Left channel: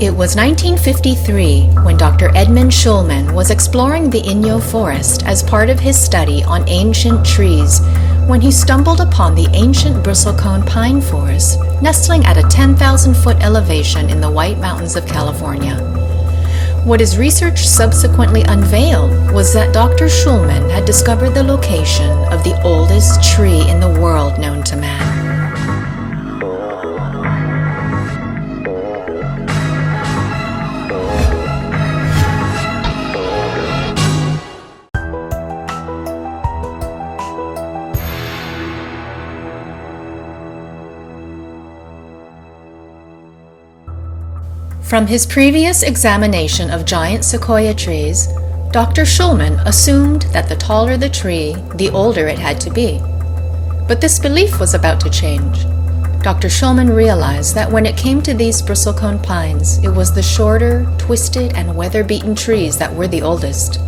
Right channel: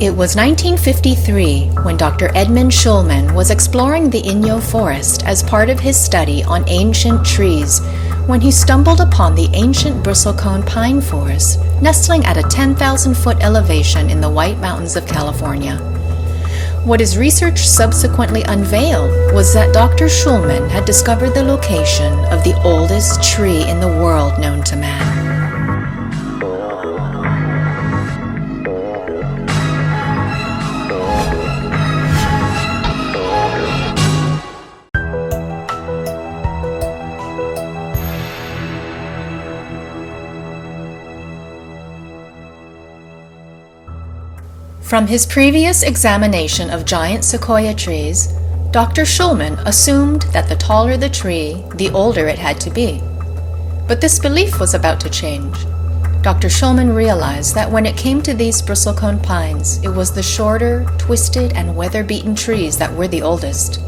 It was 1953 when Dr. Edmund Schulman was exploring the Inyo forest as part of his study on ancient trees when he stumbled upon the ancient bristlecone pine forest nestling at a 10,000-foot elevation in the White Mountains of California. What his research subsequently unveiled was that Dr. Schulman had discovered the location of the oldest tree in the world known to man. From his previous examination of giant sequoia trees, Dr. Schulman assumed that the taller the tree, the older it had to be. But this belief was about to change. Dr. Schulman realized that when it came to these bristlecone pines, it was the shorter, twisted, and weather-beaten trees that were the oldest.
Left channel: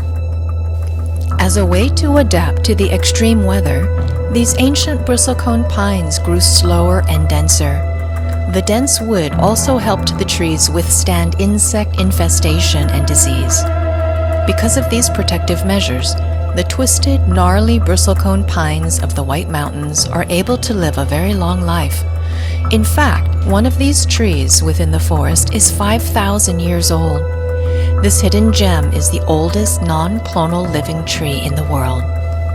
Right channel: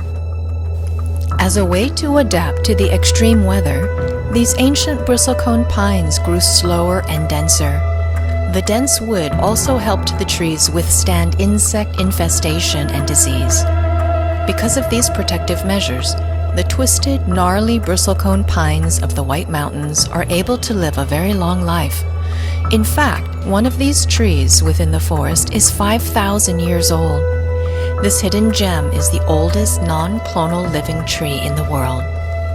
As a way to adapt to the extreme weather, these ancient bristlecone pines grew slower and denser. The dense wood also helped the trees withstand insect infestation and disease. Because of these protective measures, the twisted, gnarly bristlecone pines of the White Mountains are able to live a very long life. In fact, one of these trees within the forest is 5,000 years old. This hidden gem is the oldest non-clonal living tree in the world.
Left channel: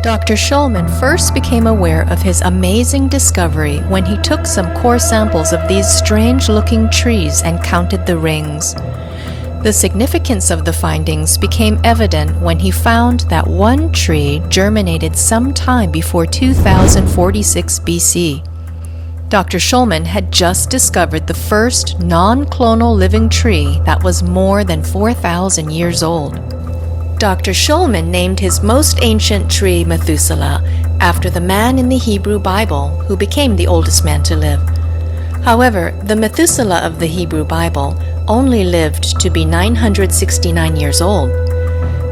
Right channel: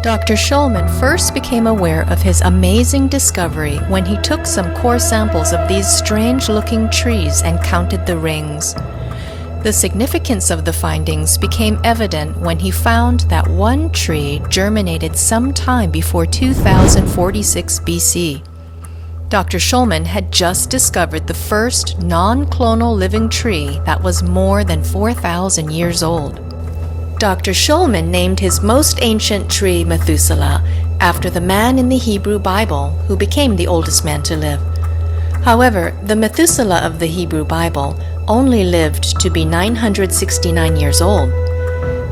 Dr. Schulman first became aware of his amazing discovery when he took some core samples of these strange-looking trees and counted the rings. The significance of the findings became evident when he found that one tree germinated sometime before 2046 BC. Dr. Schulman had just discovered the first non-clonal living tree that was more than 4,000 years old. Dr. Schulman named his most ancient tree Methuselah after the man in the Hebrew Bible who became the oldest man to live. However, the Methuselah of the Hebrew Bible only lived to be 969 years old.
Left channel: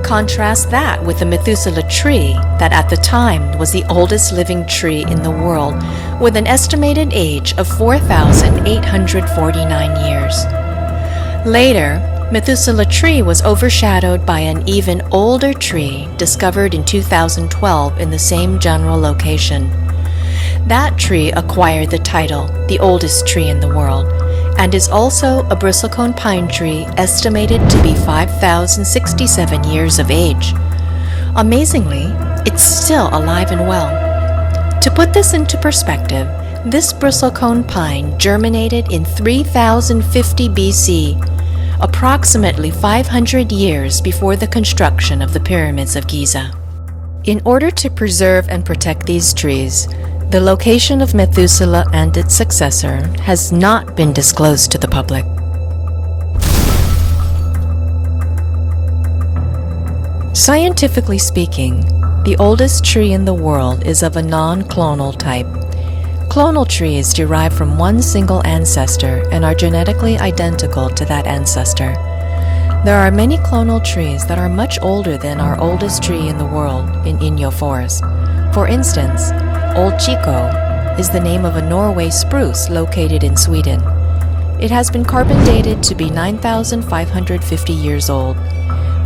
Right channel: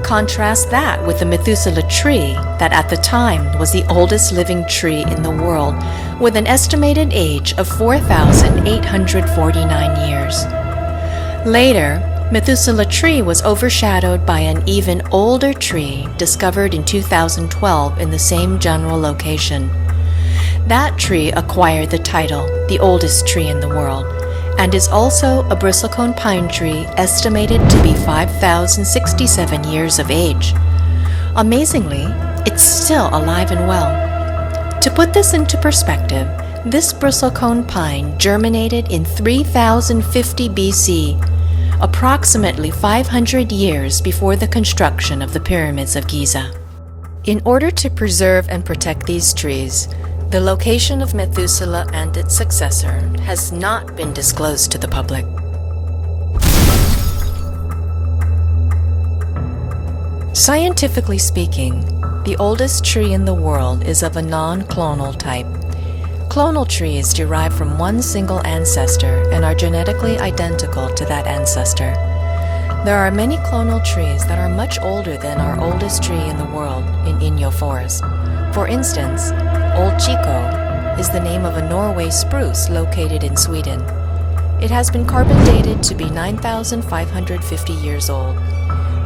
Contrast that with the Methuselah tree that at the time was the oldest living tree in the world with an estimated age of 4,849 years. Later, Methuselah tree was overshadowed by an even older tree discovered in 2012 in the same general location. That tree acquired the title, the oldest tree in the world, and is also a bristlecone pine tree estimated to be 5,067 years of age. Amazingly, it's still alive and well. To put this into perspective, this bristlecone pine germinated in 3050 BC, approximately 500 years before the construction of the pyramids of Giza. In order to preserve and protect these trees, the location of Methuselah and its successor has not been disclosed to the public. Scientifically speaking, the oldest tree in the world is of a non-clonal type. Clonal trees derive from one single ancestor and are genetically identical to that ancestor. There are many clonal trees that are much older than our oldest tree in the world in Inyo Forest. For instance, Old Chico is the name of a Norway spruce located in Sweden. It has been carbon dated to be 9,550 years old.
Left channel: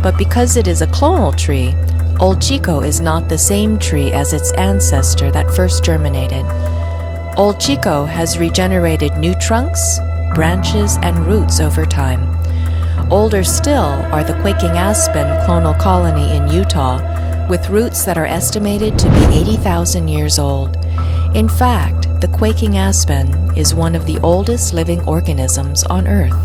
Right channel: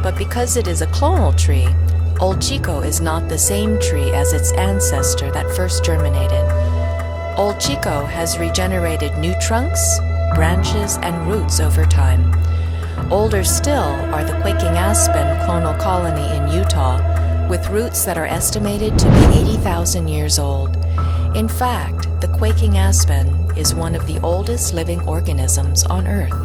But because it is a clonal tree, Old Chico is not the same tree as its ancestor that first germinated. Old Chico has regenerated new trunks, branches, and roots over time. Older still are the quaking aspen clonal colony in Utah, with roots that are estimated to be 80,000 years old. In fact, the quaking aspen is one of the oldest living organisms on Earth.